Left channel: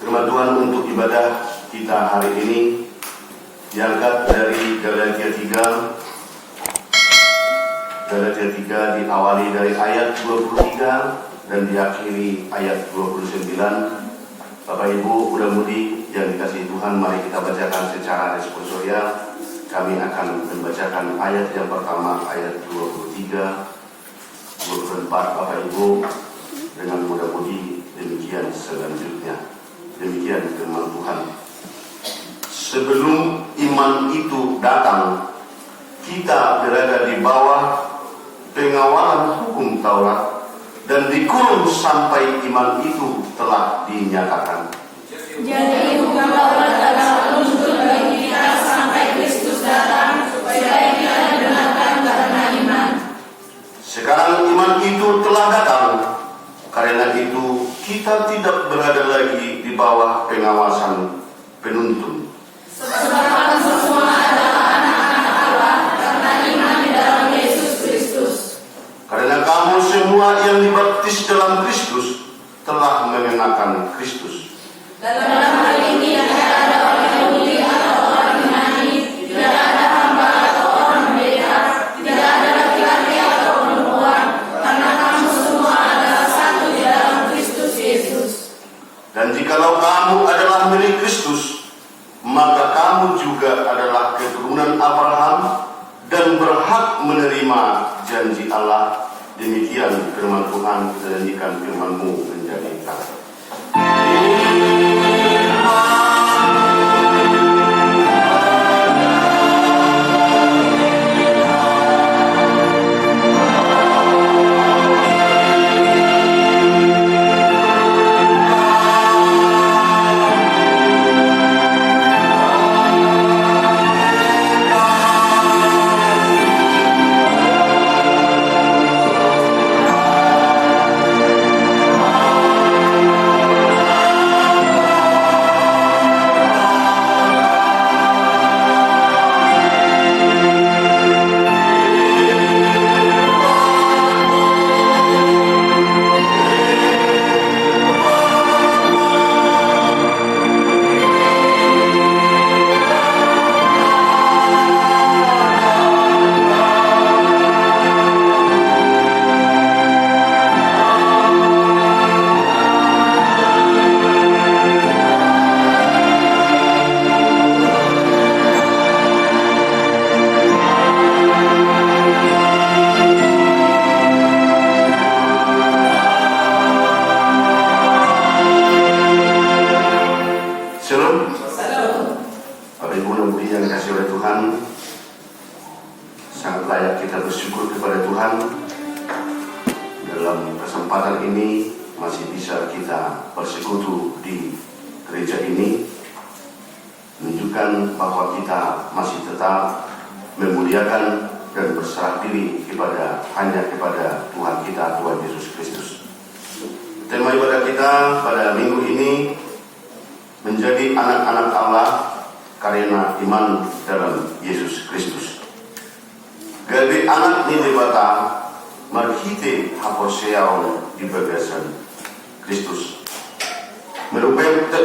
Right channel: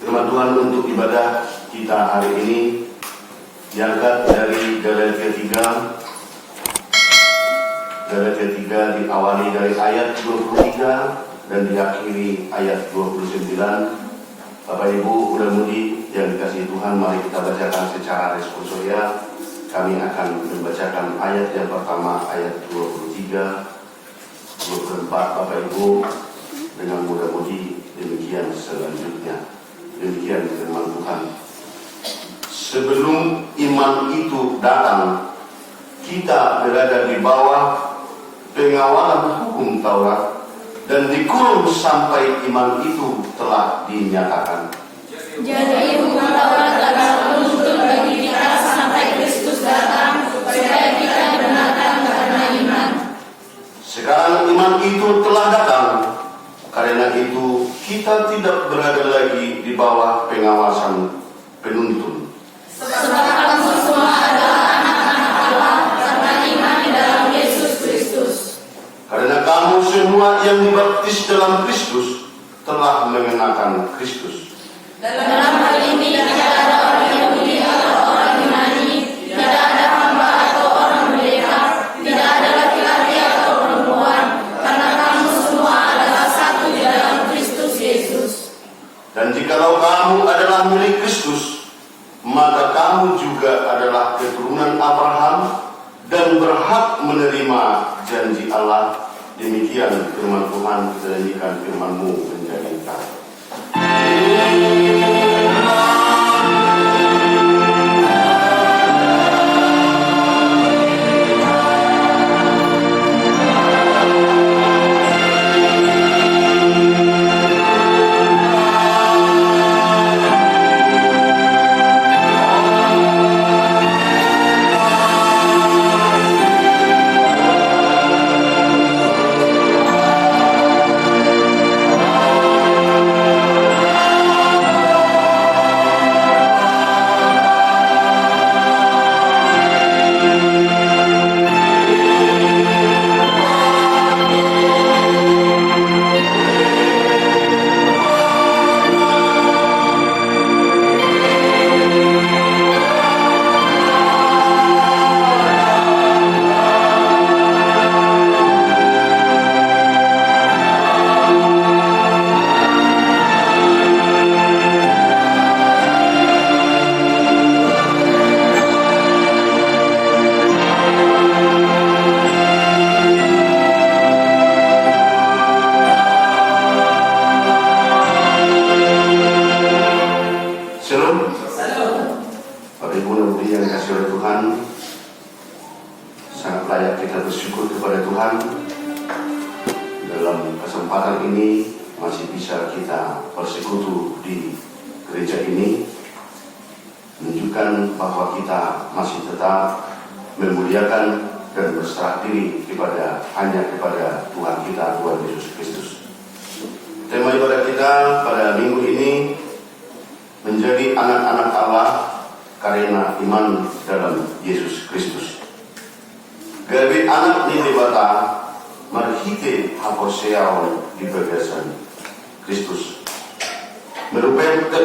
Firman Tuhan untuk ibadah kita hari ini diangkat dari Galatia 3 diawali dari ayat 23 dan diakhiri ayat 29. Bapak Ibu mudah-mudi yang dikasihi Tuhan, mari kita bacakan secara responsorial. Kami akan membacakan ayat yang pertama, ayat 23, 24. Bapak Ibu, dengan mudah-mudi demikian selanjutnya. Demikian firman Tuhan. Sebelum iman itu datang, kita berada di bawah pengawalan hukum Taurat dan dikurung sampai iman itu telah dinyatakan. Jadi hukum Taurat adalah penuntut bagi kita sampai Kristus datang, supaya kita dibenarkan karena iman. Sekarang iman itu telah datang, karena itu kita tidak berada lagi di bawah pengawasan penuntun. Sebab kamu semua adalah anak-anak Allah karena iman dalam Yesus Kristus. Karena kamu semua yang dibaptis dalam Kristus telah mengenakan Kristus. Dalam hal ini tidak ada orang Yahudi atau orang Yunani, tidak ada hamba atau orang merdeka, tidak ada laki-laki atau perempuan, karena kamu semua adalah satu di dalam Kristus Yesus. Dan jikalau kamu adalah milik Kristus, maka kamu juga adalah keturunan Abraham dan berhak menerima janji Allah. Demikian firman Tuhan, jadikan firman-Mu menjadi terang.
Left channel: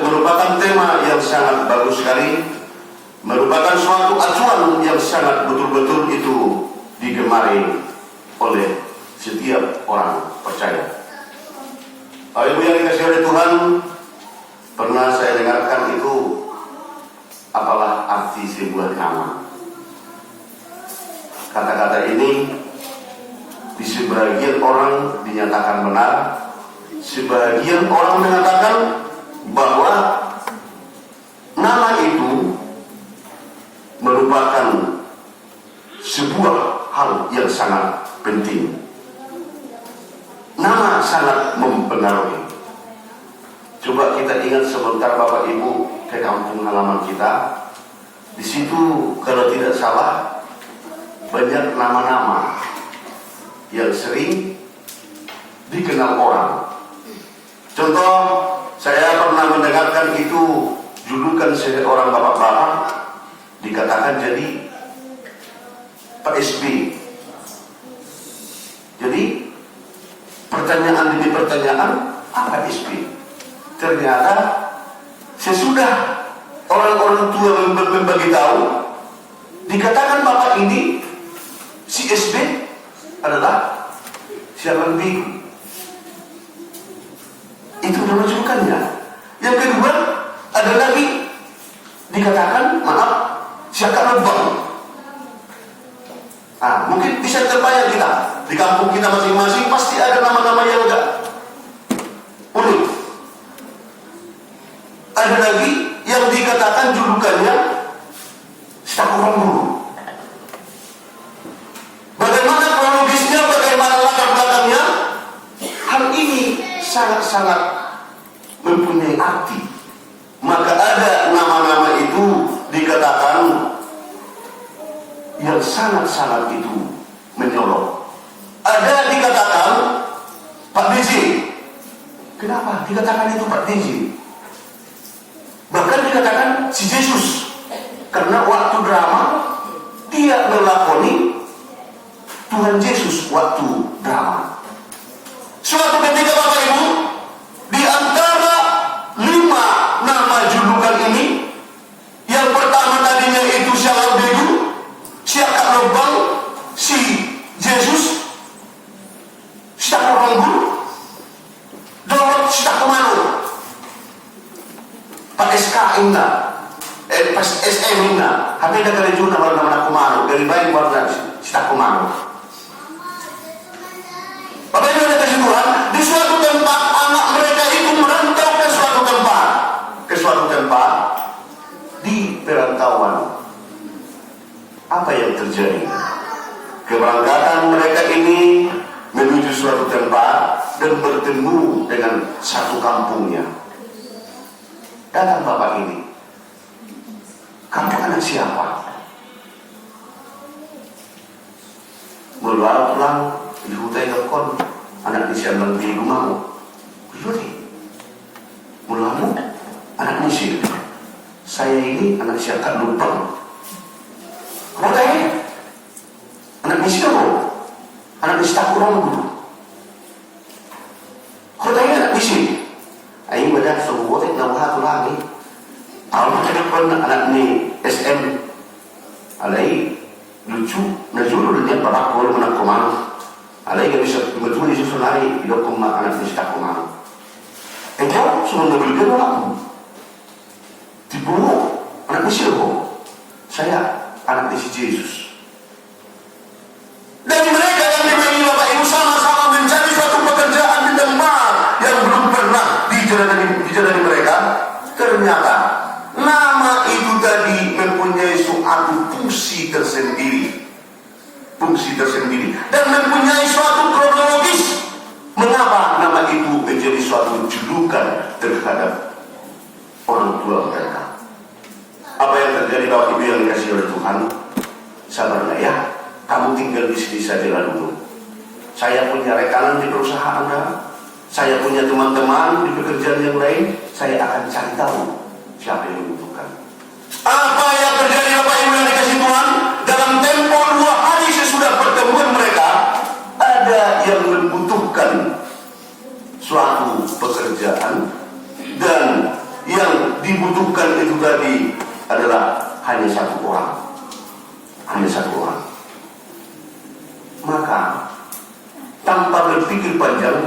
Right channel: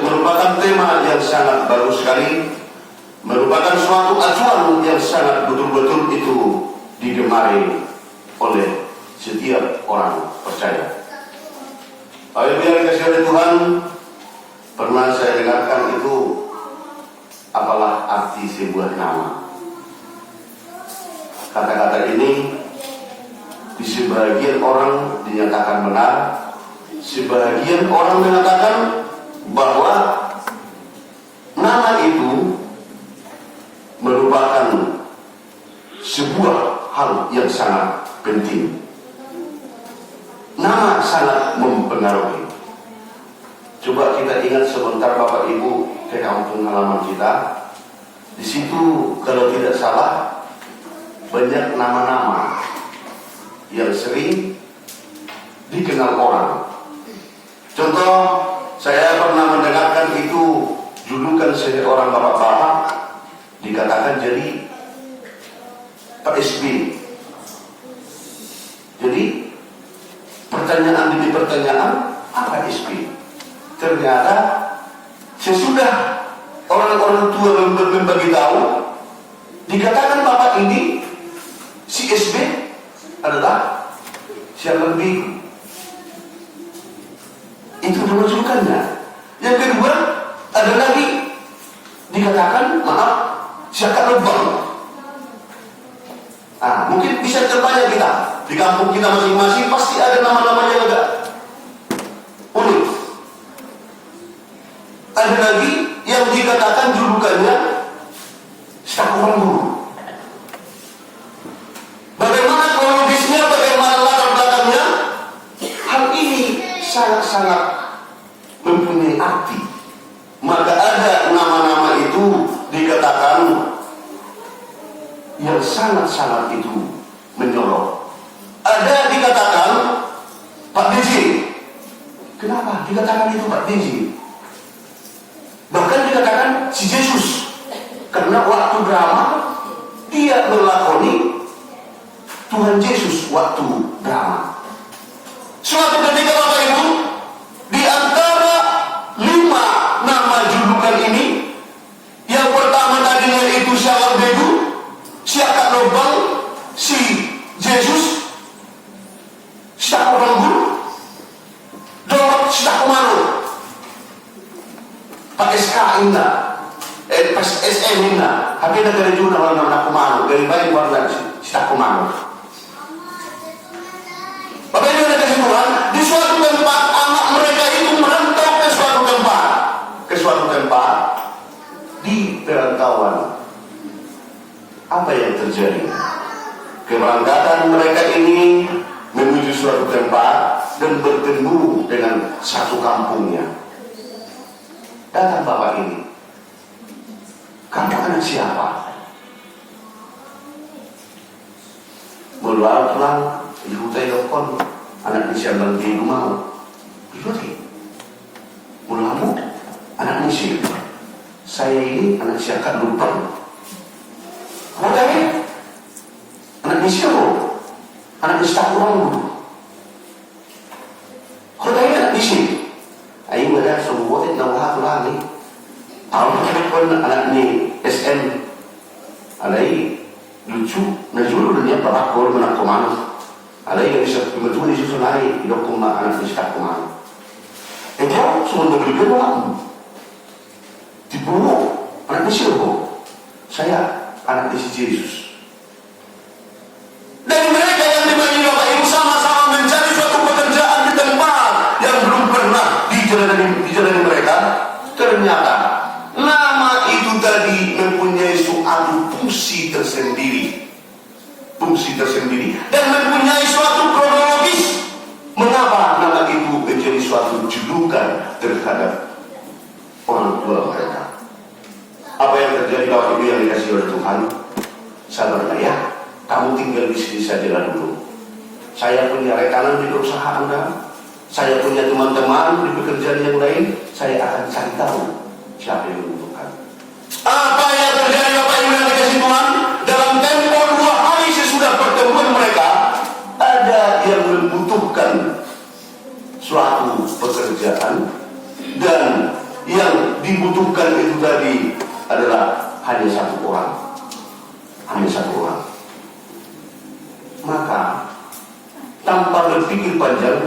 Merupakan tema yang sangat bagus sekali, merupakan suatu acuan yang sangat betul-betul itu digemari oleh setiap orang percaya. Apabila dikasih oleh Tuhan, pernah saya dengarkan itu, apalah arti sebuah nama. Kata-kata ini di sebagian orang dinyatakan benar, sebagian orang mengatakan bahwa nama itu merupakan sebuah hal yang sangat penting. Nama sangat mempengaruhi. Coba kita ingat sebentar Bapak Ibu ke kampung halaman kita. Di situ kalau tidak salah banyak nama-nama yang sering dikenal orang. Contoh, saya pernah mendengarkan itu julukan seorang bapak-bapak dikatakan jadi Pak SB. Jadi pertanyaan demi pertanyaan, apa SB? Ternyata Sesudah orang-orang tua membagi tahu, dikatakan bapak ini si SB adalah siapa lebih. Itu menunjukkannya. Yang kedua ada lagi dikatakan siapa lebang. Mungkin bisa terbayang kita di kampung kita masing-masing pasti ada nama-nama yang agak unik. Ada lagi yang dikatakan julukannya Syakwan Guru. Bagaimana kronologisnya, bagaimana latar belakangnya? Hal ini sangat-sangat mempunyai arti. Maka ada nama-nama itu dikatakan yang sangat-sangat itu menyolok. Ada dikatakan Pak DJ. Kenapa dikatakan itu Pak DJ? Bahkan dikatakan si Yesus, karena waktu drama dia melakoni Tuhan Yesus waktu drama. Suatu ketika Bapak Ibu, di antara 5 nama julukan ini, yang pertama tadinya itu Syakwan Begu, Syakwan Lobang, si Yesus, Syakwan Guru, Dawat Syakwan, Pak SK Inna, Pas SM Inna, tapi ada dari juga nama-nama Kumaro, dari baik warga Syakwan. Bapak Ibu ada kesimpulan, di suatu tempat anak mereka itu merantau ke suatu tempat di perantauan. Apa yang terjadi? Keberangkatan mereka ini menuju suatu tempat dan bertemu dengan satu kampungnya. Datang bapak ini. Kamu anak siapa? Mulai pulang ibu telepon anak di siapa di rumah. Ibu mulamu anak musik. Saya ini anak siapa lupa. Mulai anak musik apa? Anak musik kurang dulu. Mulai anak musik. Ayo ada semua yang nama lagi. Awak telepon anak ni SM. Alai lucu, najulu dia bapak kau mana komando. Alai bisa betul di susun alai hidup kumah anak musik komando. Itu semua dulu dia bapak. Dibunuh anak musik apa? Saya anak Yesus. Dan mereka yang dimaini Bapak Ibu sama-sama mencari suatu pekerjaan di tempat yang belum pernah dijalani mereka. Ternyata nama itu tadi mempunyai suatu fungsi tersendiri dan mempunyai suatu kronologis. Mengapa nama itu menjadi suatu julukan terhadap orang tua mereka? Apa yang terjadi Bapak Ibu yang dikasih oleh Tuhan? Sabarlah ya, kamu tinggal di sini saja dulu. Saya punya rekanan di perusahaan Anda, saya punya teman-teman di pekerjaan yang lain. Saya akan cari tahu siapa yang membutuhkan. Apa yang terjadi Bapak Ibu yang dikasih Tuhan? Dalam tempo 2 hari sesudah pertemuan mereka, ada yang membutuhkan suatu pekerjaan, dan yang dibutuhkan itu tadi adalah hanya satu orang. Maka tanpa berpikir panjang,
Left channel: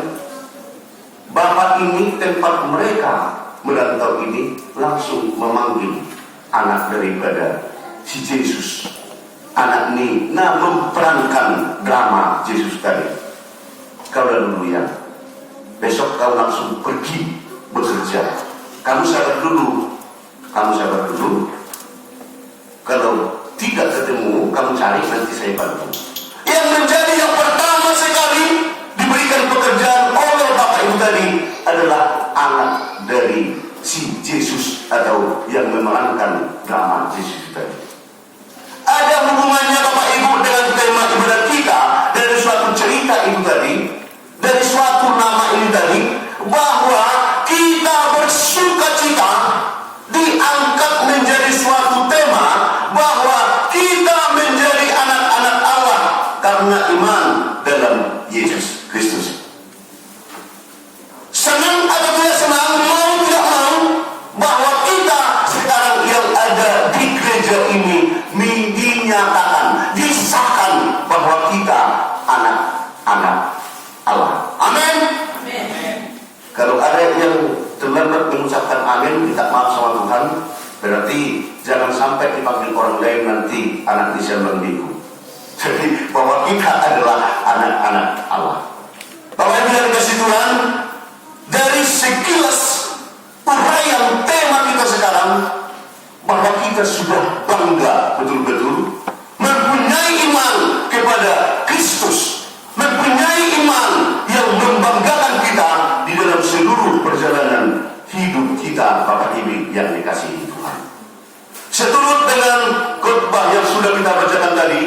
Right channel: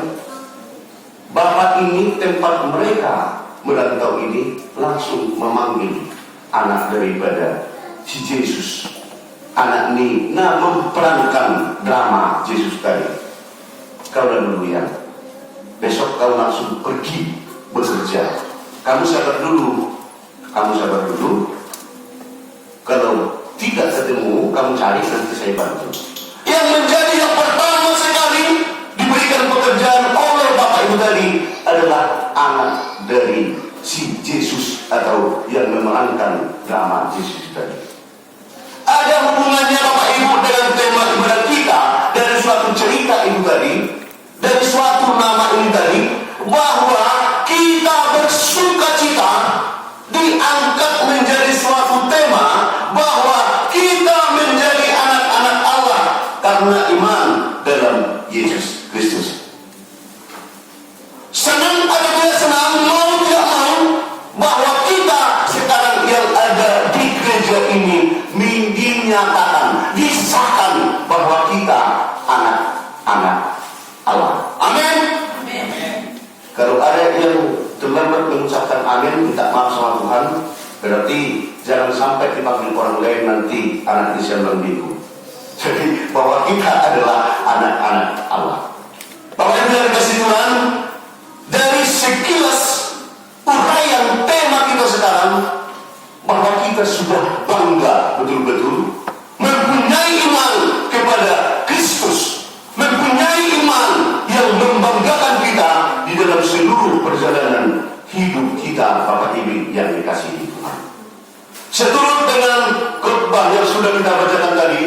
bapak ini tempat mereka merantau ini langsung memanggil anak daripada si Yesus. Anak ini memperankan drama Yesus tadi. Kau dulu ya, besok kau langsung pergi bekerja. Kamu sabar dulu. Kalau tidak ketemu, kamu cari, nanti saya bantu. Yang menjadi yang pertama sekali diberikan pekerjaan oleh bapak ibu tadi adalah anak dari si Yesus, atau yang memerankan drama Yesus tadi. Ada hubungannya bapak ibu dengan tema ibadah kita dari suatu cerita itu tadi, dari suatu nama ini tadi, bahwa kita bersukacita diangkat menjadi suatu tema bahwa kita menjadi anak-anak Allah karena iman dalam Yesus Kristus. Senang atau tidak senang, mau tidak mau, bahwa yang terlambat mengucapkan amin, minta maaf sama Tuhan, berarti jangan sampai dipanggil orang lain nanti anak Islam bingung. Jadi bahwa kita adalah anak-anak Allah. Bapak Ibu yang dikasihi Tuhan, dari sekilas uraian tema kita sekarang, maka kita sudah bangga betul-betul mempunyai iman kepada Kristus, mempunyai iman yang membanggakan kita di dalam seluruh perjalanan hidup kita, Bapak Ibu yang dikasihi Tuhan. Seturut dengan khotbah yang sudah kita bacakan tadi,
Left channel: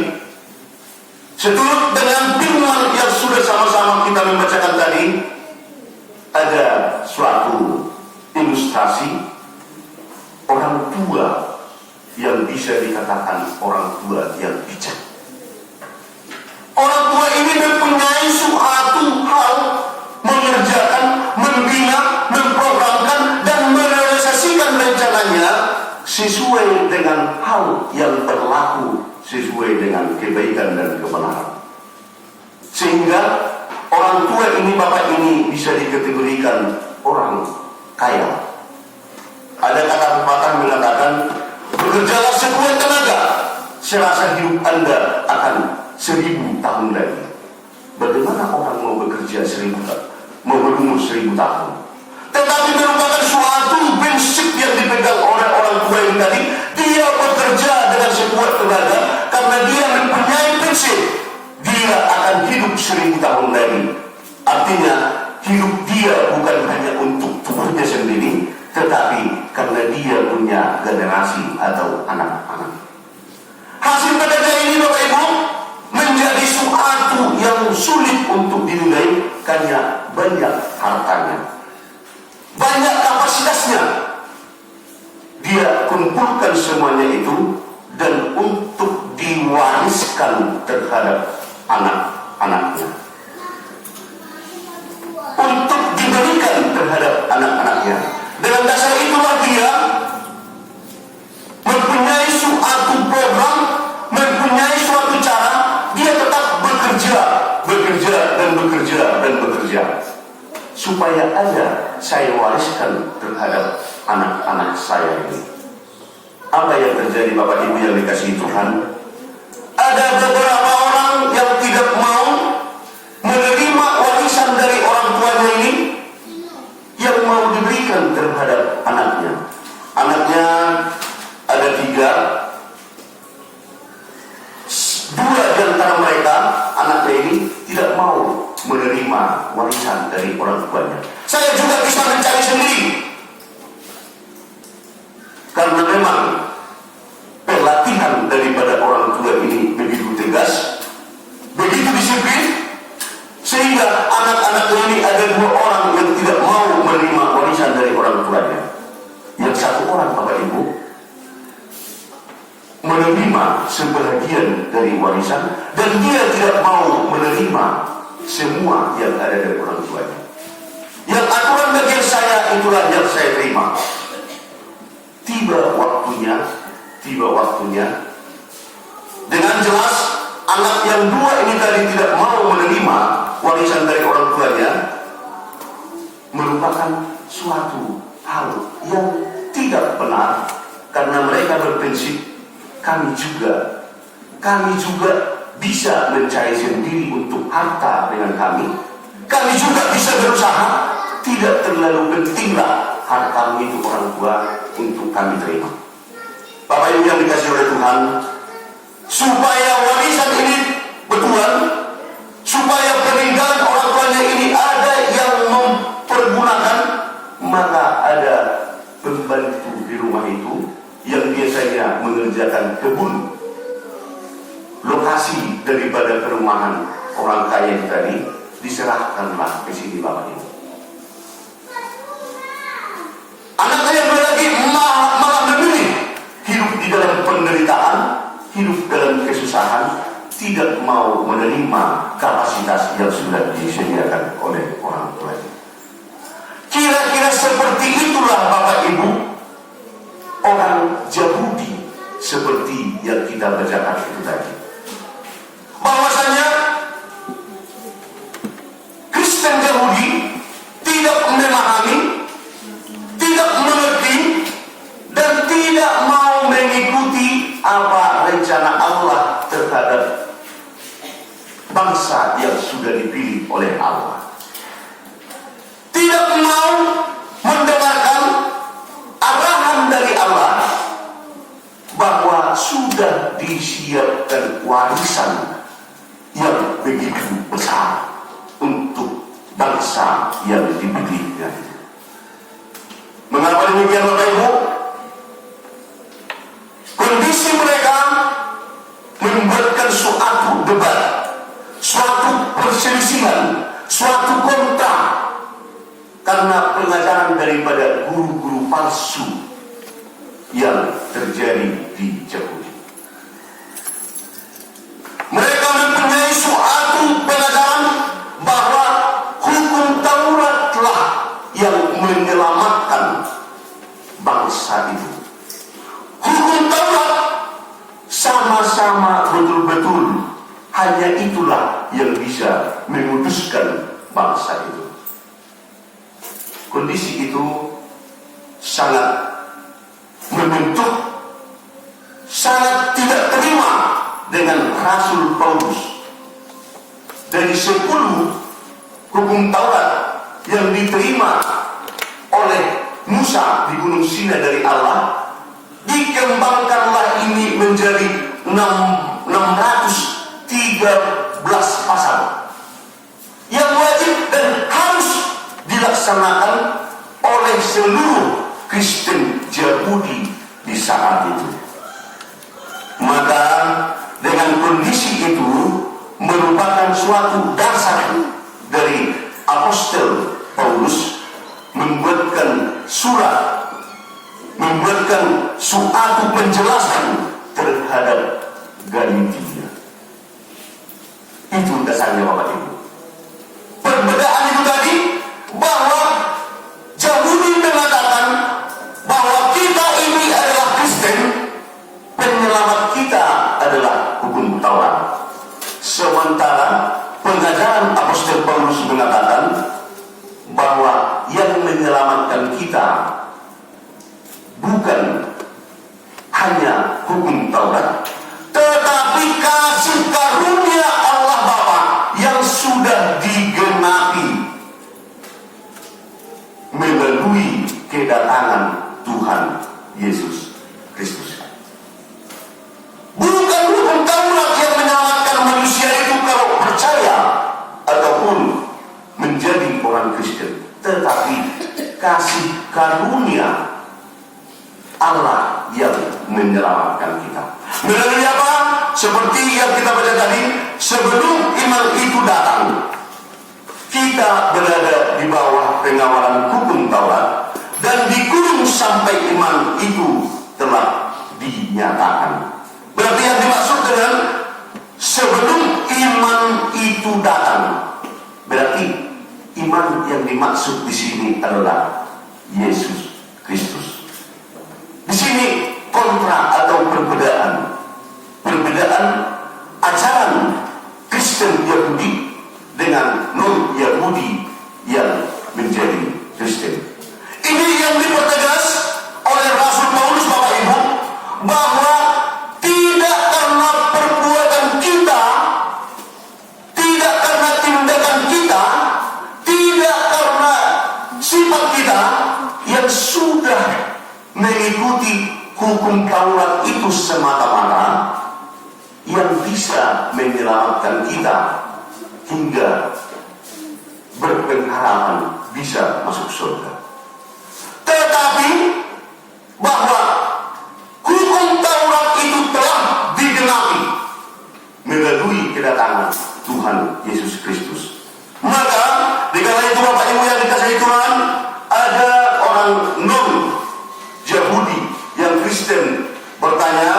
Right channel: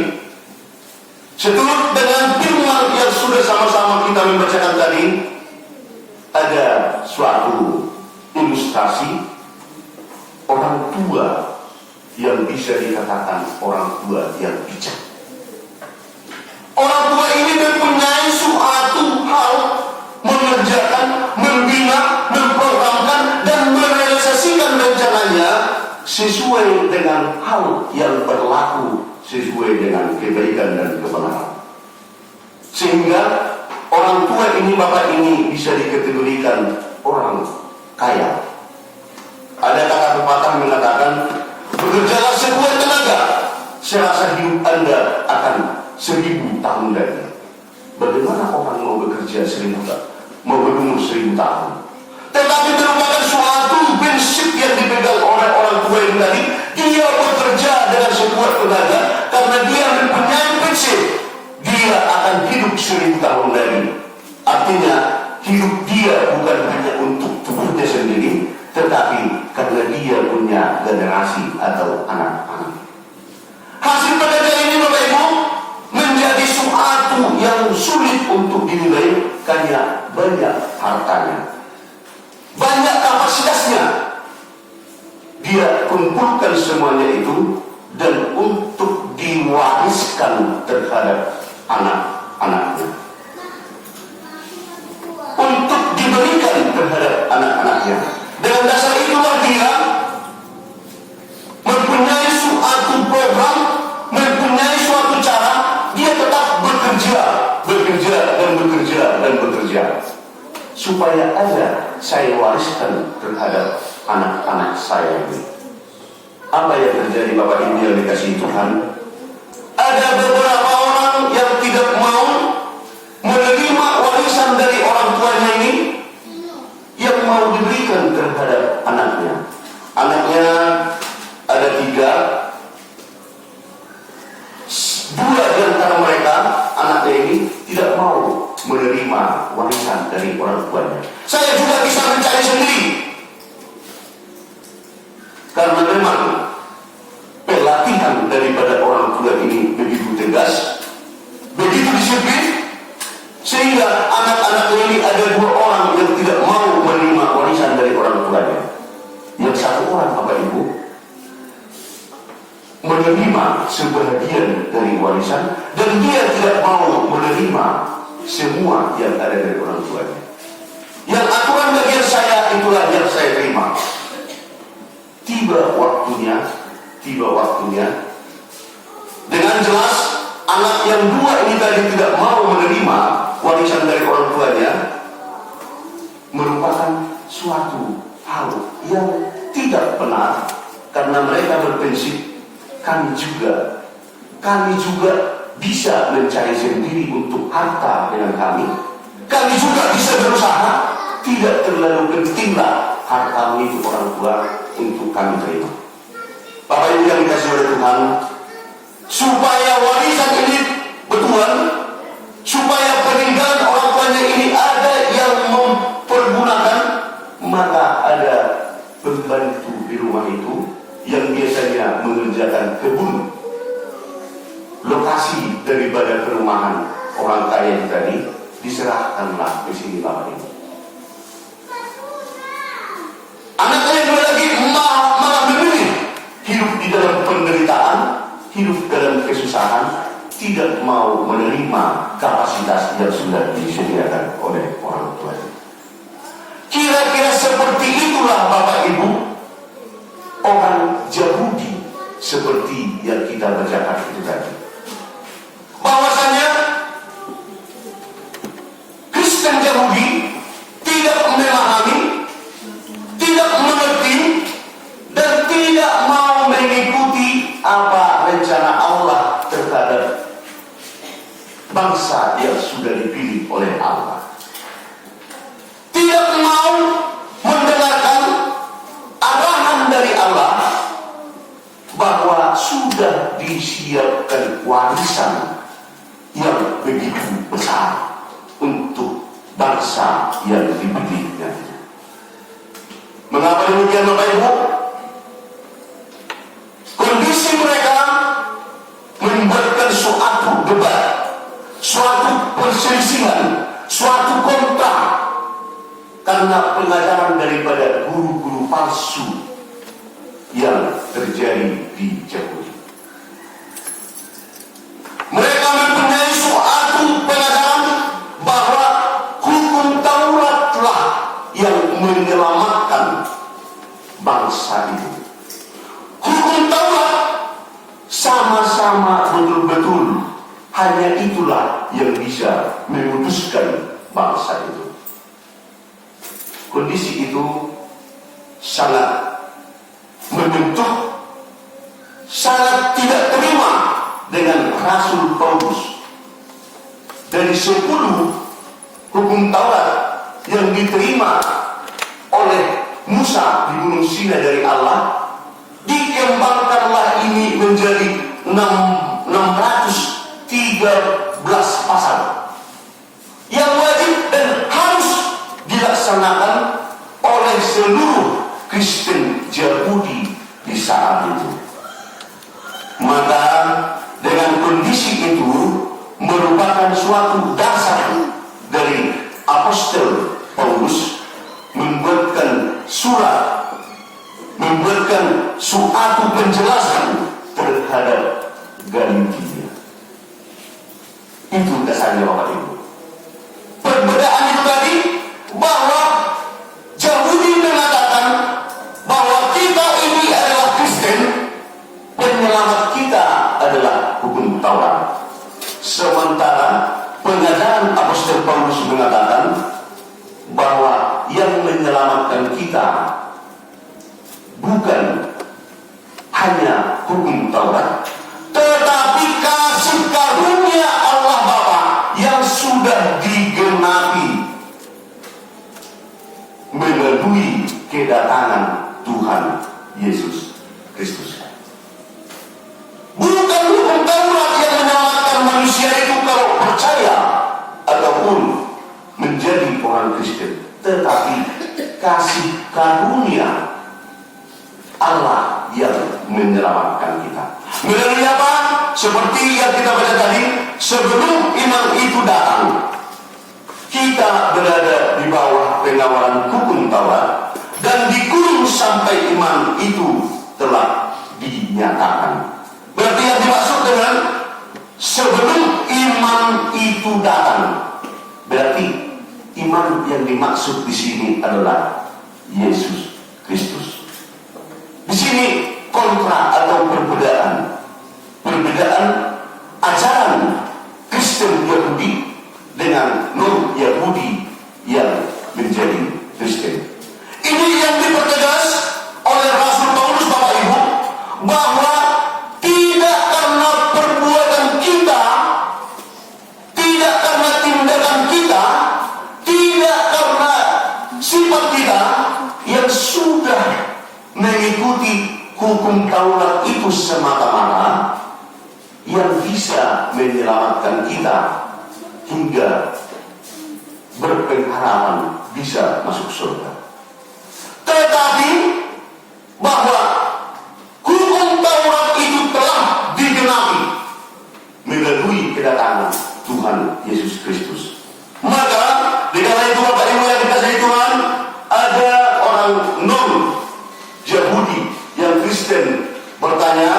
seturut dengan firman yang sudah sama-sama kita membacakan tadi, ada suatu ilustrasi orang tua yang bisa dikatakan orang tua yang bijak. Orang tua ini mempunyai suatu hal mengerjakan, membina, memprogramkan dan merealisasikan rencananya sesuai dengan hal yang berlaku, sesuai dengan kebaikan dan kebenaran. Sehingga orang tua ini, bapak ini bisa dikategorikan orang kaya. Ada kata pepatah mengatakan, bekerjalah sekuat tenaga, serasa hidup Anda akan 1000 tahun lagi. Bagaimana orang mau bekerja 1000 tahun, mau berumur 1000 tahun? Tetapi merupakan suatu prinsip yang dipegang oleh orang tua yang tadi. Dia bekerja dengan sekuat tenaga karena dia mempunyai prinsip, dia akan hidup 1000 tahun lagi. Artinya hidup dia bukan hanya untuk tubuhnya sendiri, tetapi karena dia punya generasi atau anak-anak. Hasil pekerjaan ini, Bapak Ibu, menjadi suatu yang sulit untuk dinilai karena banyak hartanya, banyak kapasitasnya. Dia kumpulkan semuanya itu dan untuk diwariskan terhadap anak-anaknya, untuk diberikan terhadap anak-anaknya. Dengan dasar itulah dia mempunyai suatu program, mempunyai suatu cara. Dia tetap bekerja supaya ada saya wariskan terhadap anak-anak saya ini. Apa yang terjadi, Bapak Ibu yang dikasihi Tuhan? Ada beberapa orang yang tidak mau menerima warisan dari orang tuanya ini, yang mau diberikan terhadap anaknya. Anaknya ada 3. 2 di antara mereka, anaknya ini tidak mau menerima warisan dari orang tuanya. Saya juga bisa mencari sendiri, karena memang pelatihan daripada orang tua ini begitu tegas, begitu disiplin, sehingga anak-anak ini ada 2 orang yang tidak mau menerima warisan dari orang tuanya. Yang 1 orang, Bapak Ibu, menerima sebagian dari warisan dan dia tidak mau menerima semua yang ada dari orang tuanya. Yang aturan bagian saya itulah yang saya terima. Tiba waktunya dengan jelas anak yang 2 ini tadi tidak mau menerima warisan dari orang tuanya, merupakan suatu hal yang tidak benar, karena mereka berprinsip kami juga bisa mencari sendiri untuk harta dengan kami juga bisa berusaha, tidak terlalu pentinglah harta itu orang tua untuk kami terima. Bapak Ibu yang dikasihi oleh Tuhan, supaya warisan ini bertuan, supaya peninggalan orang tuanya ini ada yang mempergunakan, maka ada pembantu di rumah itu yang biasanya mengerjakan kebun. Lokasi daripada perumahan orang kaya itu tadi diserahkanlah ke sini, Bapak Ibu. Anak yang lagi malah memilih hidup di dalam penderitaan, hidup dalam kesusahan, tidak mau menerima kapasitas yang sudah disediakan oleh orang tuanya. Kira-kira seperti itulah, Bapak Ibu, orang Yahudi seperti yang kita bacakan itu tadi. Bahwasanya Kristen Yahudi tidak memahami yang diberinya. Mengapa demikian Bapak Ibu? Kondisi mereka membuatkan suatu debat, suatu perselisihan, suatu kontra karena pengajaran daripada guru-guru palsu yang terjadi di Yahudi. Mereka mempunyai suatu pengajaran bahwa hukum Tauratlah yang menyelamatkan bangsa itu. Hukum Taurat sama-sama betul-betul hanya itulah yang bisa memutuskan bangsa itu. Kondisi itu sangat membentuk, sangat tidak terima dengan Rasul Paulus. Dari 10 hukum Taurat yang diterima oleh Musa di Gunung Sinai dari Allah, dikembangkanlah ini menjadi 613 pasal yang wajib dan harus dilaksanakan oleh seluruh Kristen Yahudi di saat itu. Maka dengan kondisi itu merupakan suatu dasar dari Apostel Paulus membuatkan surat, membuatkan suatu penjelasan terhadap Galatia. Itu dasarnya Bapak Ibu. Perbedaan itu tadi bahwa Yahudi mengatakan bahwa kita ini adalah Kristen, penyelamat kita adalah hukum Taurat. Sementara pengajaran Apostel Paulus mengatakan bahwa yang menyelamatkan kita bukan hanya hukum Taurat, tetapi kasih karunia Allah Bapa yang sudah digenapi melalui kedatangan Tuhan Yesus Kristus. Bukan hukum Taurat yang menyelamatkan manusia itu kalau percaya ataupun menjadi orang Kristen, tetapi kasih karunia Allah yang menyelamatkan kita. Melalui apa? Seperti yang kita baca tadi, sebelum iman itu datang, kita berada di bawah penawaran hukum Taurat dan dikurung sampai iman itu telah dinyatakan. Berarti yang dimaksud dengan sebelum iman itu datang, berarti iman yang dimaksud di sini adalah Yesus Kristus. Di sini kontra atau perbedaan ajaran Kristen Yahudi dengan non-Yahudi yang menjadi Kristen. Ini yang dipertegas oleh Rasul Paulus, Bapak Ibu, bahwa tidak karena perbuatan kita, tidak karena tindakan kita, tidak karena sifat kita yang sudah mengikuti hukum Taurat itu semata-mata yang bisa menyelamatkan kita hingga berpengharapan bisa masuk surga. Tetapi bahwa hukum Taurat itu telah digenapi melalui kedatangan Tuhan Yesus Kristus. Maka dikala itu Bapak Ibu yang dikasihi Tuhan, ada orang non-Yahudi yang Kristen bertanya,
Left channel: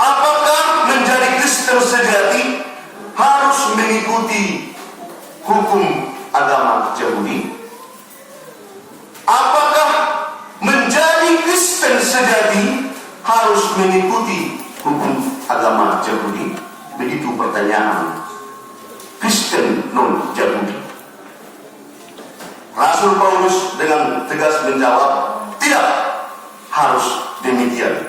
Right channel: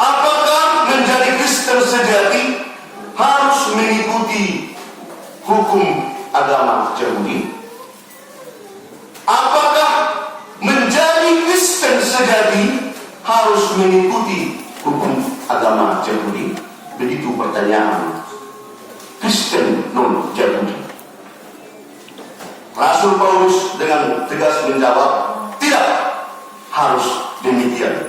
apakah menjadi Kristen sejati harus mengikuti hukum agama Yahudi? Apakah menjadi Kristen sejati harus mengikuti hukum agama Yahudi? Begitu pertanyaan Kristen non-Yahudi. Rasul Paulus dengan tegas menjawab, tidak harus demikian.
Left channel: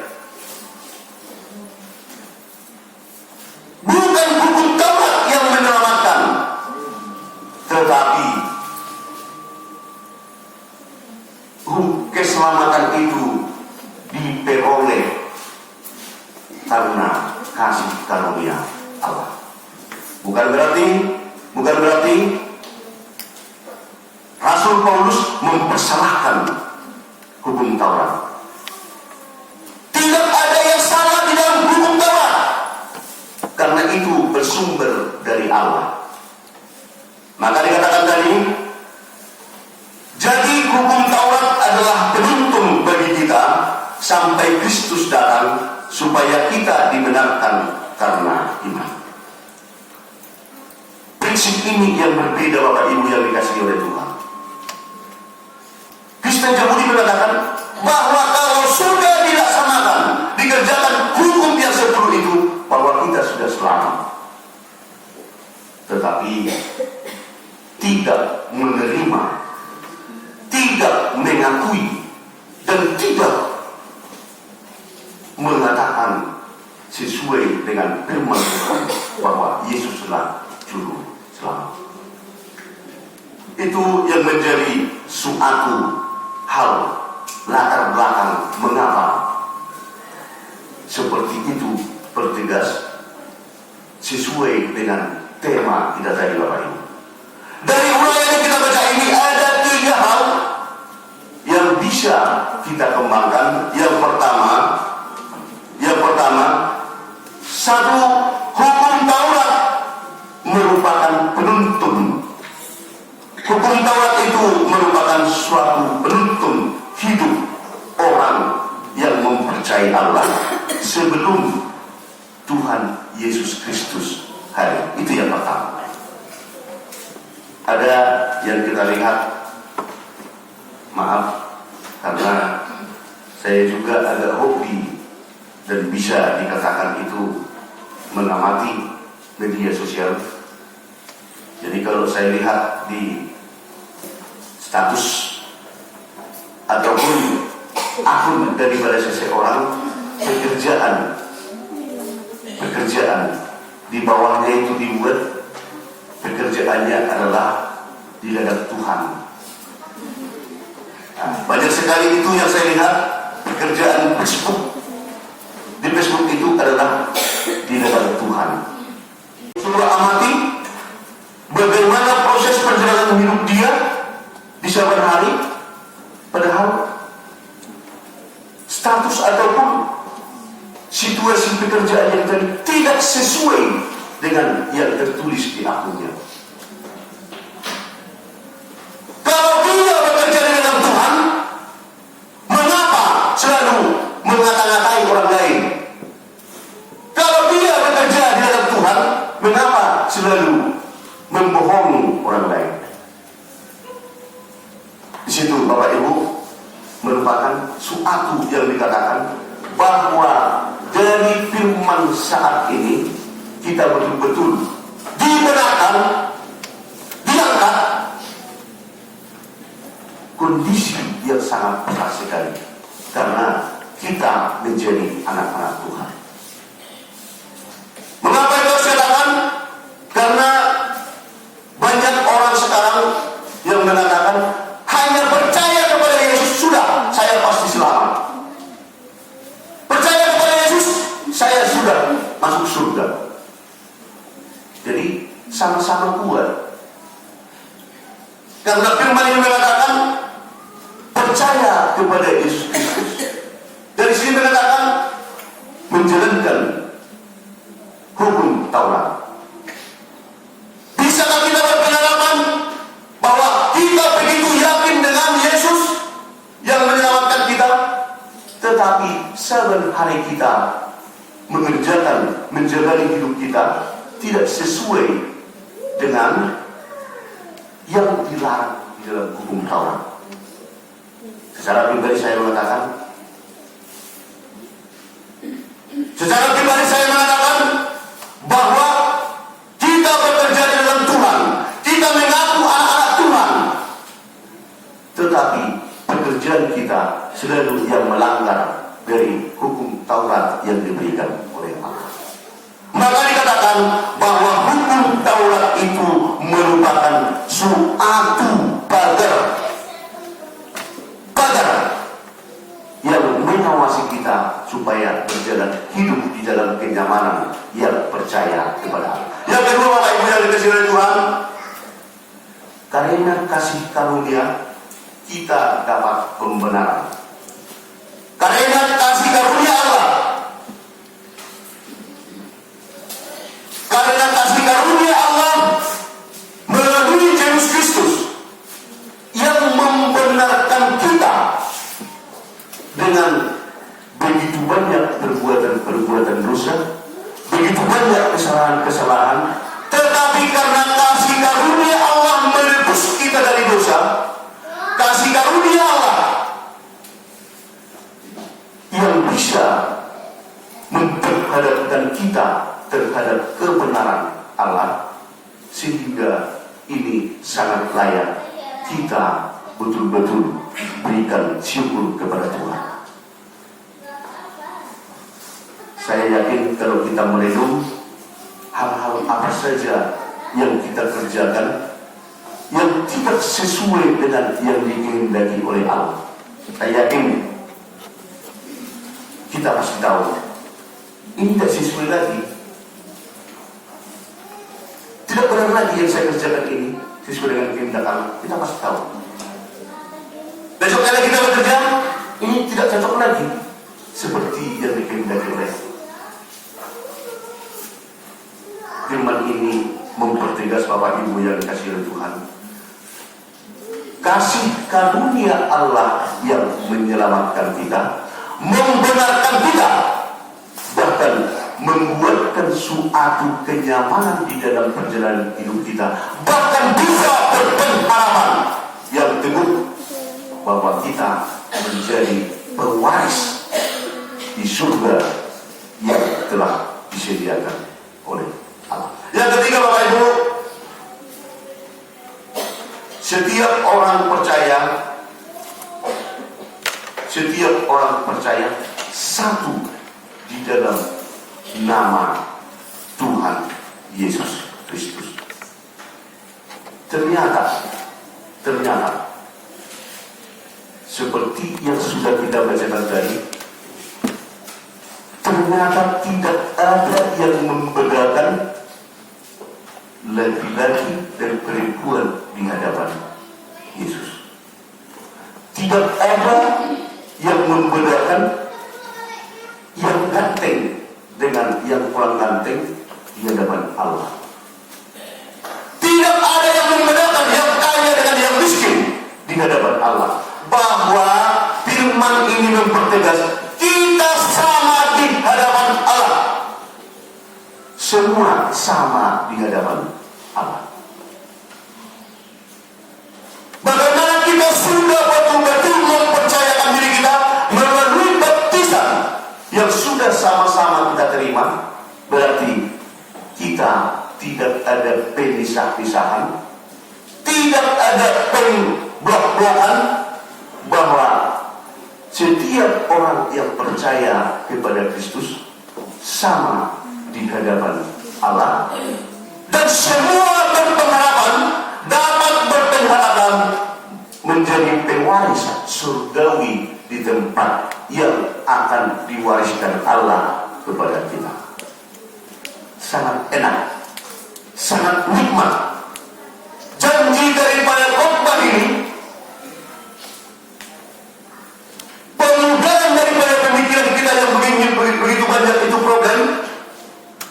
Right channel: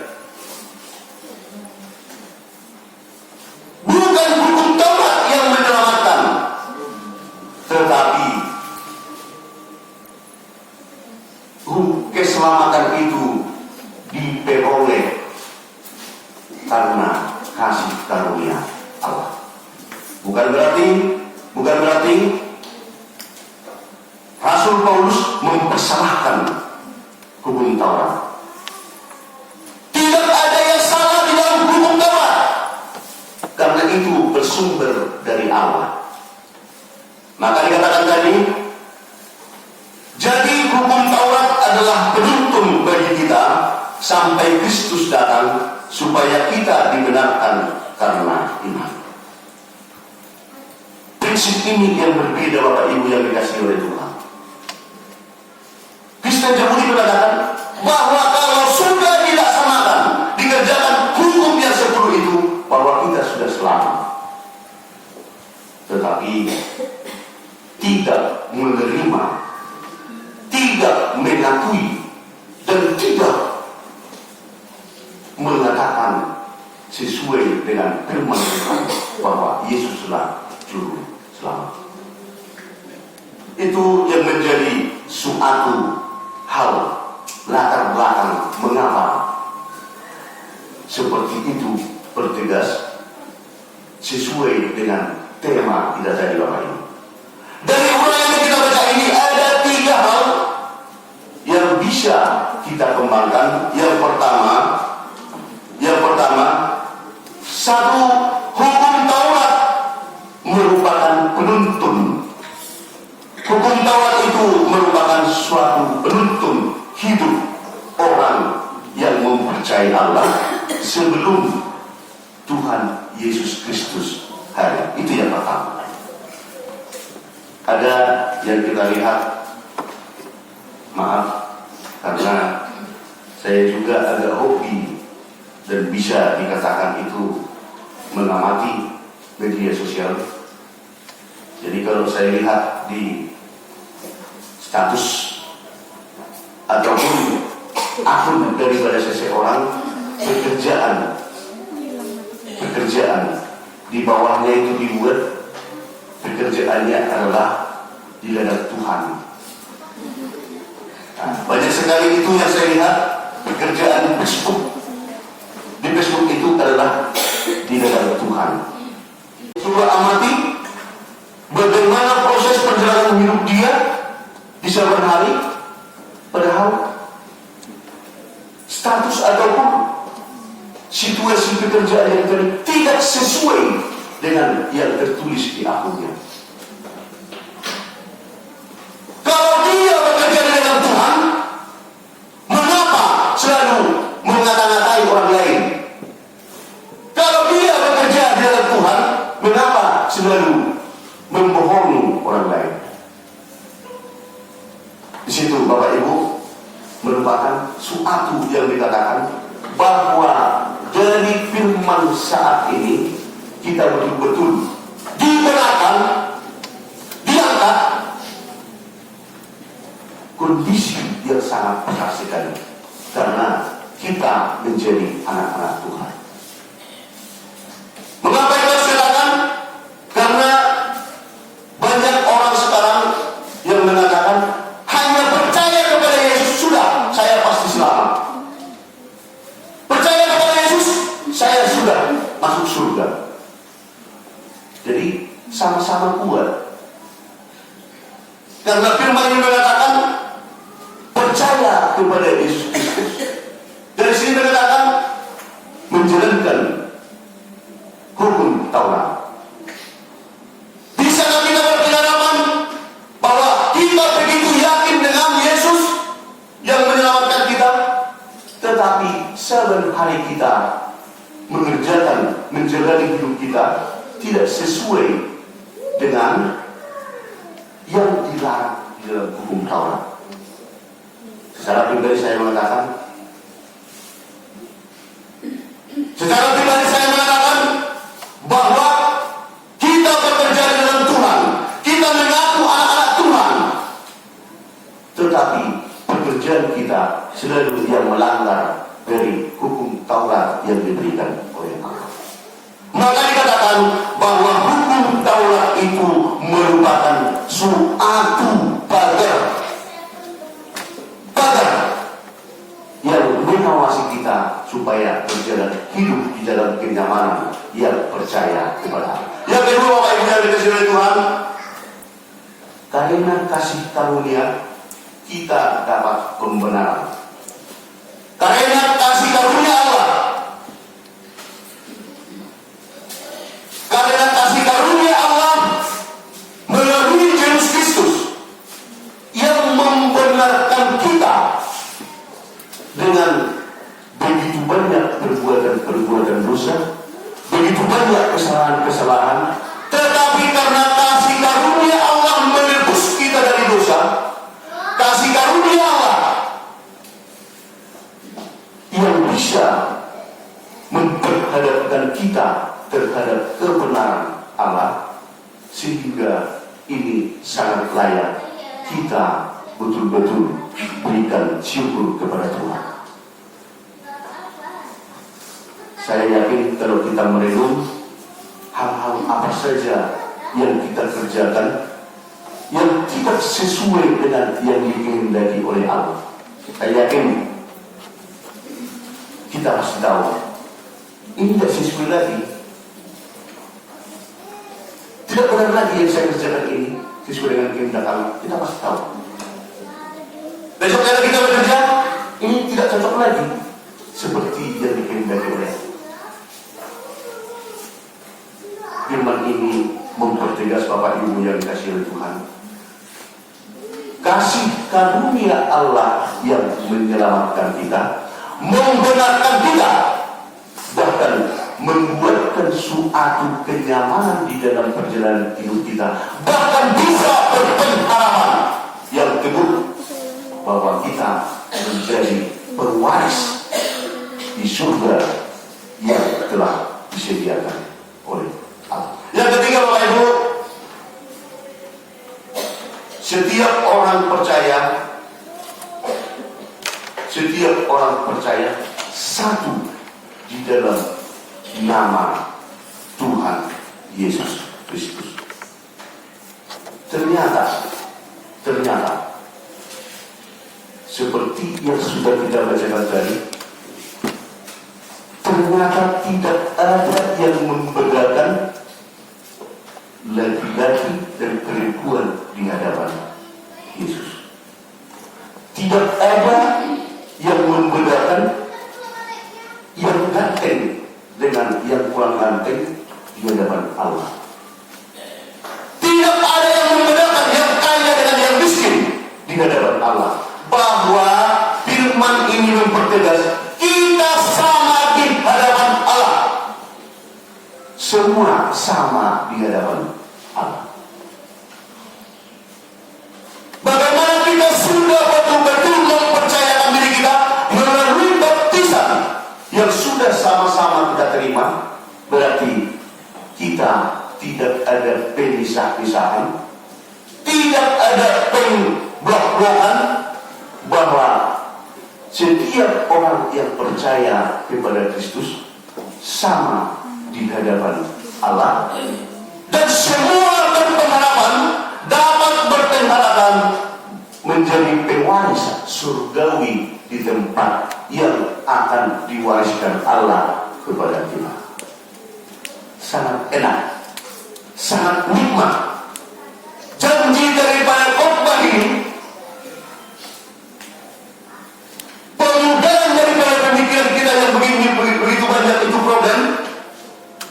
Bukan hukum Taurat yang menyelamatkan, tetapi keselamatan itu diperoleh karena kasih karunia Allah. Bukan berarti Rasul Paulus mempersalahkan hukum Taurat. Tidak ada yang salah di dalam hukum Taurat, karena itu bersumber dari Allah. Maka dikatakan tadi, jadi hukum Taurat adalah penuntun bagi kita sampai Kristus datang, supaya kita dibenarkan karena iman. Prinsip ini yang berbeda Bapak Ibu yang dikasihi oleh Tuhan. Kristen Yahudi mengatakan bahwa kalau sudah dilaksanakan, dikerjakan hukum yang 10 itu, bahwa kita sudah selamat. Tetapi tidak menerima, tidak mengakui, dan tidak mengatakan sesuai dengan firman Tuhan bahwa Yesuslah juru selamat. Itu yang menjadi suatu hal latar belakang mengapa seperti itu bertegas sesuai dengan tema kita tadi Bapak Ibu. Dari uraian yang kita baca ini ada 3 hal yang bisa kita kembangkan. Yang pertama, satu, hukum Taurat merupakan penuntun. Hukum Taurat itu merupakan suatu penuntun hidup orang yang mempercayai Allah sebelum Tuhan Yesus Kristus hari. Itu yang pertama. Ada yang kita lihat, maaf, karena saya juga agak hobi dan bisa dikatakan itu mengamati media sosial. Jadi kalau saya lihat di status ataupun akun daripada seseorang, pekerjaan di bawahnya itu dibuat pekerjaannya adalah di ladang Tuhan. Nah, banyak sekali itu yang saya lihat pekerjaan Facebook. Di Facebook itu adalah di ladang Tuhan. Coba amati bagaimana proses perjalanan hidup dia di saban hari, padahal status ataupun situasi pekerjaan yang tadi tidak sesuai dengan yang tertulis di akunnya. Kalau dia bekerja dengan Tuhan, mengapa selalu mengata-ngatai orang lain? Kalau dia bekerja dengan Tuhan, mengapa selalu membohongi orang lain? Di situ Bapak Ibu merupakan suatu yang dikatakan bahwa dari firman saat ini kita betul-betul dibenarkan, diangkat kondisi yang sangat berat sekali karena kita menjadi anak-anak Tuhan. Mengapa kita silakan? Karena banyak orang sekarang yang mengatakan hanya percaya kepada Yesus sudah saya pasti selamat. Percaya kepada Yesus saya sudah masuk surga. Jadi sama-sama kuat. Karena firman ini mengatakan percaya kepada Yesus Kristus. Dari sini mengatakan menjalankan hukum Taurat. Bisa kita berpengalaman bahwa kita begitu yakin dengan Yesus yang menyelamatkan kita, tetapi saban hari kita mengerjakan, menjalani hidup kita tidak sesuai dengan yang dilarang di dalam hukum Taurat. Secara pribadi saya mengatakan bahwa kita bekerja dengan Tuhan, kita mengaku anak-anak Tuhan, tetapi pekerjaan kita selalu yang melanggar dari hukum Taurat yang diberikan oleh Allah. Maka dikatakan bahwa hukum Taurat itu merupakan suatu pagar yang mengawasi kita supaya berjalan hidup di dalam kenyamanan yang percaya kepada Allah. Yang kedua, Bapak Ibu yang dikasihi oleh Tuhan, Karena kasih karunia kita dapat pembenaran. Karena kasih karunia Allah, karena kasih karunia Allah melalui Yesus Kristus yang membenarkan kita dengan begitu banyak perbuatan dosa, begitu banyak kesalahan, tetapi karena kasih karunia Allah menebus kita dari dosa, kasih karunia Allah yang bisa memperhadapkan kita terhadap kebenaran Allah, sehingga ini sangat layak kita betul-betul berikan syukur kepada Tuhan. Saya yakin kalau kita merenung hal-hal apa saja yang kita kerjakan, yang tidak sesuai dengan yang dikehendaki oleh Allah, saya yakin kita pasti tahu ini tidak sesuai lagi. Tidak benar lagi yang saya kerjakan ini sesuai dengan kehendak Allah. Kita pasti tahu. Besok kali kita bekerja, ini tidak cocok lagi seperti yang dikehendaki oleh. Firman ini mempertegas Bapak Ibu yang dikasihi oleh Tuhan. Kasih karunia Allah yang menyelamatkan kita, membenarkan kita, bahkan membuatkan suatu kenyamanan di dalam perjalanan hidup kita, bahkan bisa berpengharapan yang teguh bahwa kita menjadi pewaris di surga yang telah disediakan oleh Allah. Yang ketiga, Bapak Ibu, setiap orang percaya satu di dalam nama Tuhan Yesus Kristus. Ternyata seperti yang sudah kita bacakan tadi, ternyata tidak ada yang membedakan laki-laki dan perempuan di hadapan Yesus. Tidak ada yang membedakan yang ganteng dengan yang kurang ganteng di hadapan Allah. Tidak ada yang membedakan yang kaya dengan yang miskin di hadapan Allah. Bahwa firman ini mempertegas kita sama di hadapan Allah. Semua sama di hadapan Allah. Bagaimana kita sudah betul-betul mempercayakan diri kita melalui baptisan yang sudah sama-sama kita terima, berarti kita tidak ada pemisah-pisahan, tidak ada pembelak-belakan, bahwa setiap orang yang percaya kepada Kristus sama di hadapan Allah, dan semua berpengharapan dapat berpengharapan menjadi pewaris surgawi di tempat yang akan diwariskan Allah kepada kita. Sangat enak, sangat nikmat. Janji daripada khotbah ini, pengudahan daripada pemikiran kita yang begitu banyak itu problem,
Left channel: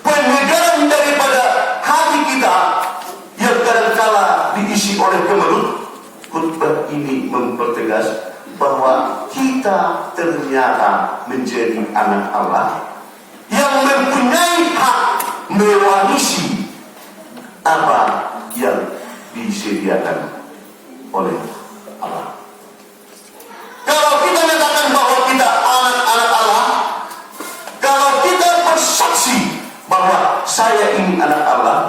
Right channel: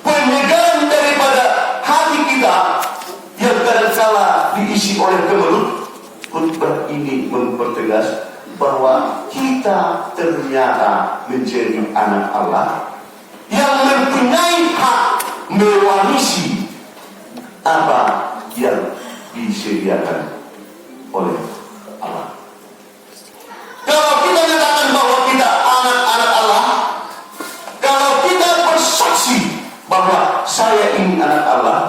penyegaran daripada hati kita yang kadangkala diisi oleh kemelut. Khotbah ini mempertegas bahwa kita ternyata menjadi anak Allah yang mempunyai hak mewarisi apa yang disediakan oleh Allah. Kalau kita nyatakan bahwa kita anak-anak Allah, kalau kita bersaksi bahwa saya ini anak Allah,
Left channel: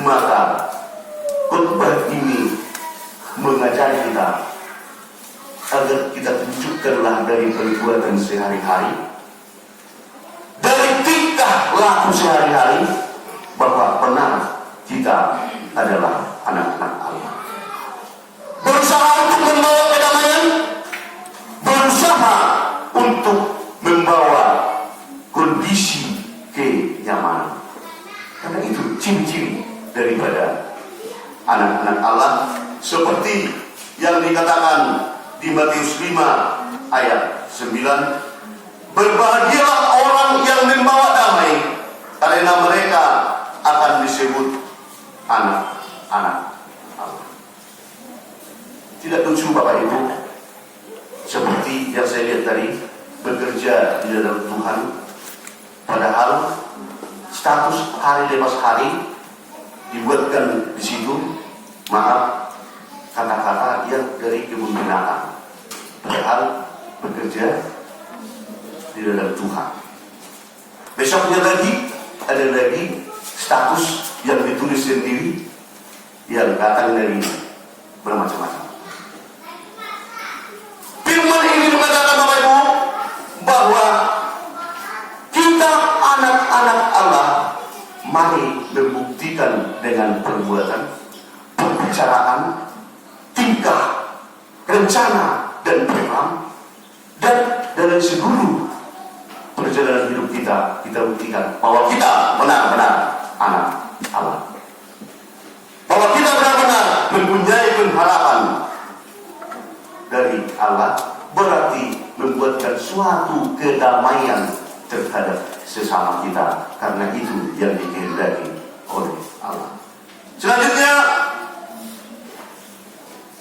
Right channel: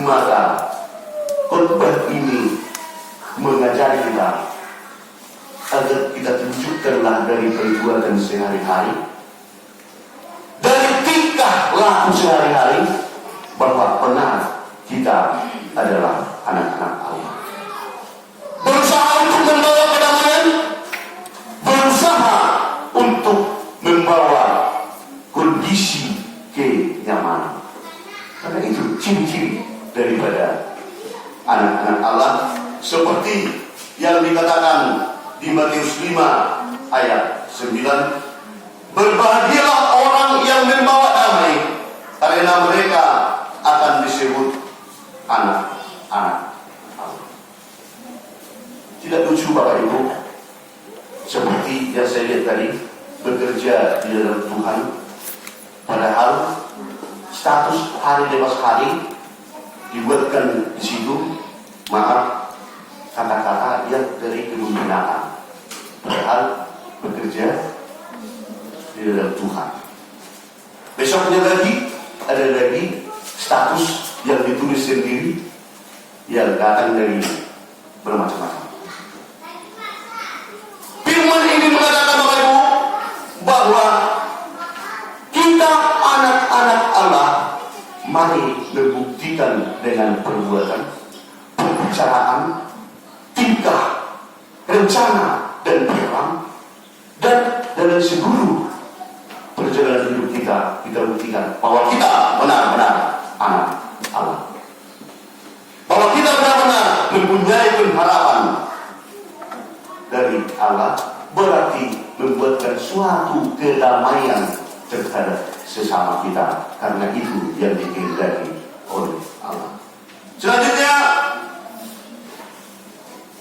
maka khotbah ini mengajari kita agar kita tunjukkanlah dari perbuatan sehari-hari, dari tingkah laku sehari-hari, bahwa benar kita adalah anak-anak Allah. Berusaha untuk membawa kedamaian, berusaha untuk membawa kondisi kenyamanan. Karena itu ciri-ciri daripada anak-anak Allah di Matius 5 ayat 9, berbahagialah orang yang membawa damai, karena mereka akan disebut anak-anak Allah. Tidak lucu Bapak Ibu, seperti yang saya lihat tadi, bekerja di dalam Tuhan, padahal status hari lepas hari dibuatkan di situ, maaf, kata-kata yang dari kemungkinan, padahal bekerja di dalam Tuhan. Besoknya lagi ada lagi status yang ditulis sendiri yang datang dari bermacam-macam. Firman ini mengatakan Bapak Ibu bahwa kita anak-anak Allah, mari membuktikan dengan perbuatan, pembicaraan, tingkah, rencana, dan program, dan dalam seluruh perjalanan hidup kita buktikan bahwa kita benar-benar anak Allah, bahwa kita benar-benar mempunyai pengharapan dari Allah, berarti membuatkan suatu kedamaian terhadap sesama kita, karena itu yang dikehendaki oleh Allah. Selanjutnya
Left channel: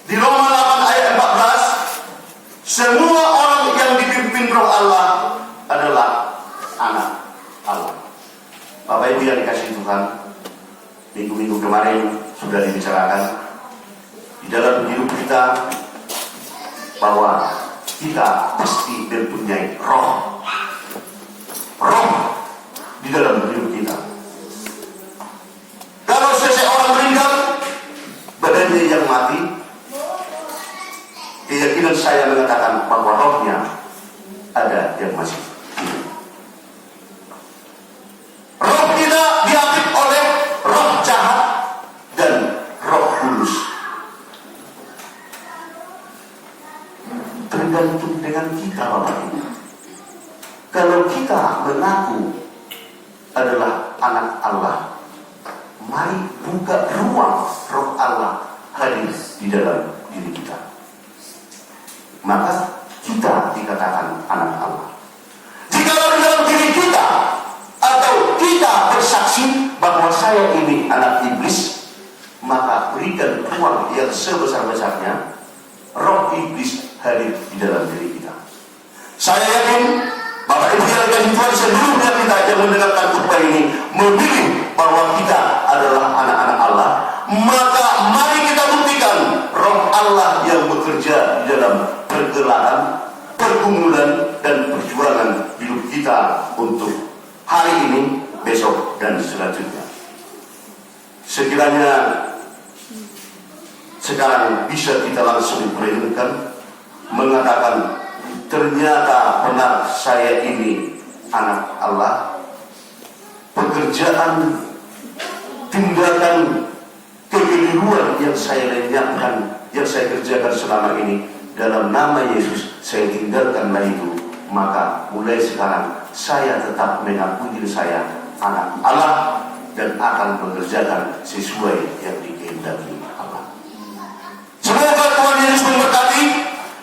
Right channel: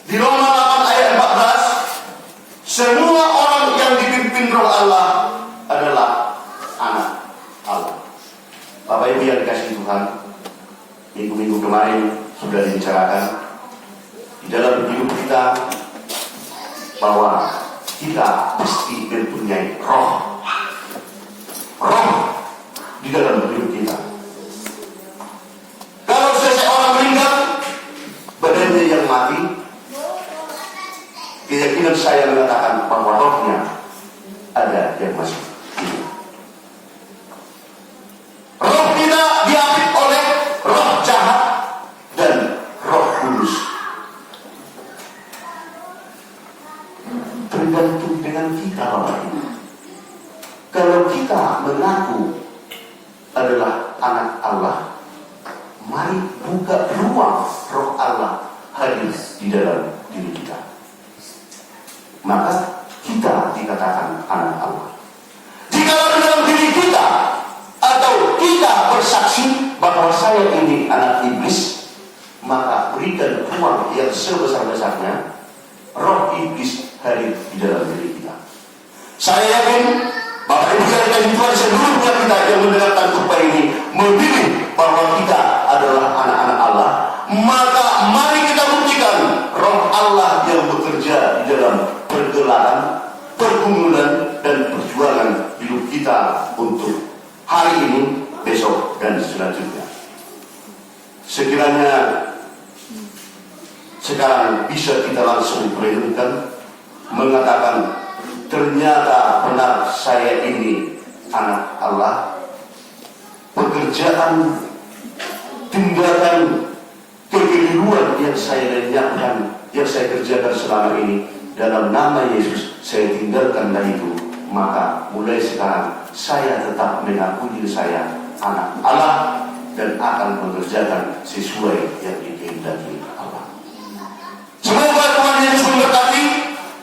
di Roma 8 ayat 14, semua orang yang dipimpin Roh Allah adalah anak Allah. Bapak Ibu yang dikasihi Tuhan, minggu-minggu kemarin sudah dibicarakan di dalam hidup kita bahwa kita pasti mempunyai roh di dalam hidup kita. Kalau seseorang meninggal, badannya yang mati, keyakinan saya mengatakan bahwa rohnya ada yang masih hidup. Roh kita diapit oleh roh jahat dan roh kudus. Tergantung dengan kita Bapak Ibu. Kalau kita mengaku adalah anak Allah, mari buka ruang roh Allah hadir di dalam diri kita. Maka kita dikatakan anak Allah. Jika dalam diri kita atau kita bersaksi bahwa saya ini anak iblis, maka berikan ruang yang sebesar-besarnya roh iblis hadir di dalam diri kita. Saya yakin Bapak Ibu sekalian, Tuhan seluruhnya kita yang menerapkan upaya ini memilih bahwa kita adalah anak-anak Allah, maka mari kita buktikan roh Allah yang bekerja di dalam pergelaran, pergumulan, dan perjuangan hidup kita untuk hari ini, besok, dan selanjutnya. Sekiranya sekarang bisa kita langsung merenungkan, mengatakan ternyata benar saya ini anak Allah. Pekerjaan, tindakan, kekeliruan yang saya lenyapkan, yang saya kerjakan selama ini, dalam nama Yesus saya tinggalkanlah itu. Maka mulai sekarang saya tetap mengaku diri saya anak Allah dan akan mengerjakan sesuai yang dikehendaki Allah. Semoga Tuhan Yesus memberkati,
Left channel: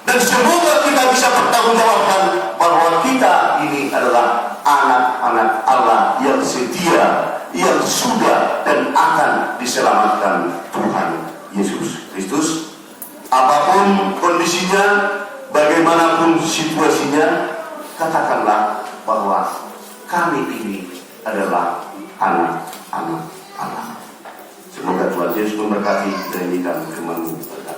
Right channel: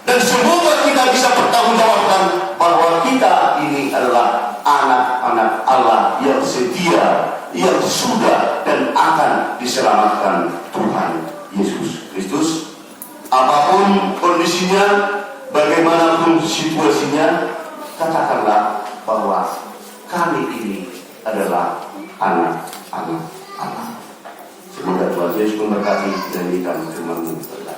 dan semoga kita bisa bertanggungjawabkan bahwa kita ini adalah anak-anak Allah yang setia, yang sudah dan akan diselamatkan Tuhan Yesus Kristus. Apapun kondisinya, bagaimanapun situasinya, katakanlah bahwa kami ini adalah anak-anak Allah. Semoga Tuhan Yesus memberkati dan menjadikan firman-Mu berkata.